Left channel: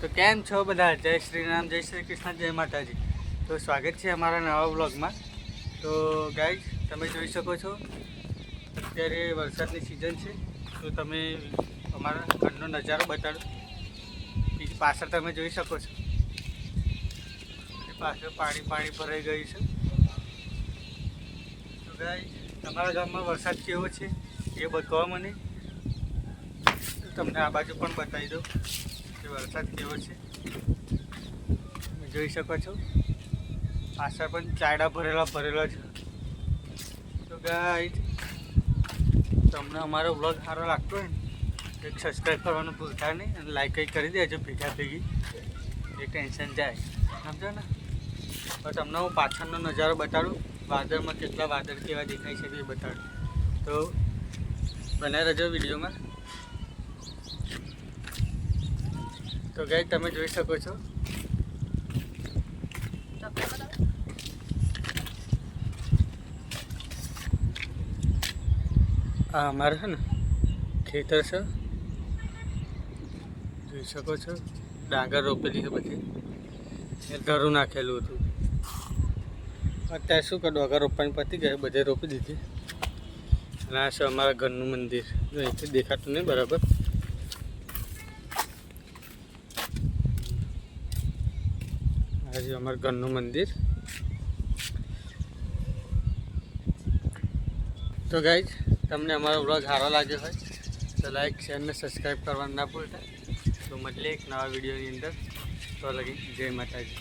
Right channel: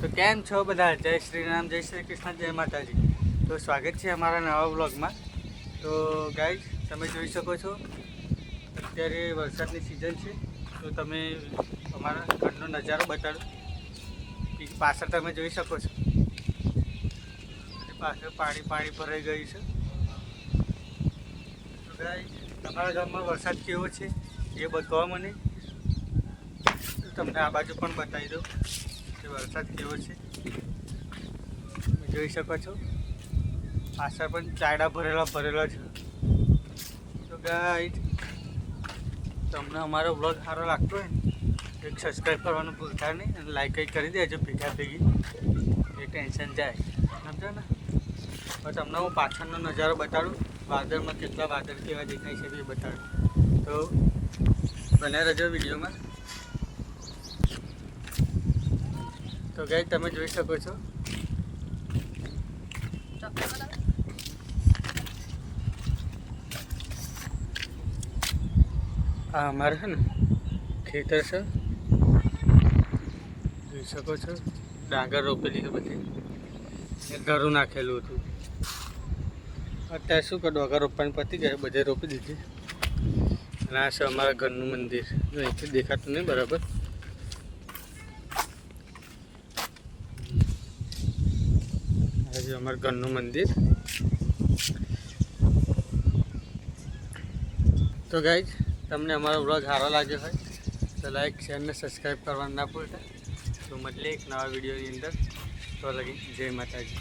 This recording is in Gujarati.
તો કેમ છો બધા? જય શ્રી રામ, જય શ્રી કૃષ્ણ, જય માતાજી. તો સ્વાગત છે અમારા નવા વ્લોગમાં. તો ગાઈઝ, તમે જોઈ શકો છો અત્યારે વરસાદની સિઝન છે. તો તમે અમારા ઘરનો નજારો બતાડો. પાછળ તમે જોઈ શકો છો પાછળ પાણી ભરાઈ ગયું છે. તો ગાઈઝ, તમારા ગામમાં વરસાદ કેવો છે એ બતાવો મને. તમને આ બાજુ પણ બતાવી દઉં કે વરસાદ કેવો છે. તમે જોઈ શકો છો પાછળ પણ ચાયડા ભરેલા છે. તો ગાઈઝ, તમને અમારો વ્લોગ સારો લાગતો હોય ને એક સબસ્ક્રાઈબ કરવાનું ભૂલતા નહીં અને લાઈક કંઈ કરી દેજો ભેગી એ ટેન્શન જાય, સમજો ને. પણ તમને હું પાછળનો નજારો બતાડું, વાદળમાં કેટલા વાદળ કેવા દેખાય છે એ બતાડું. તો બનાવી રહેજો વિડીયોમાં. તો ગાઈઝ, તમે જોઈ શકો છો આ અમારે છે ને ખેતર છે, જોઈ શકો છો. ડાંગર રોપેલી છે, પછી ધરું નાખેલું હતું. અત્યારે શું કે ડોગર રોપવાની પતી ગયા, બધે રોપી દીધી. અને આ છે અમારા ઘરનું મંદિર. જો અહીંથી દેખાતું નહીં બરાબર. આજે અમારા ઘરનું મંદિર. તો ગાઈઝ, તમને અમારો વ્લોગ સારો લાગ્યો હોય તો લાઈક, શેર અને સબસ્ક્રાઈબ કરવાનું ના ભૂલતા. તો મળીએ એક નવા વિડીયોની અંદર. તો લગી જય માતાજી.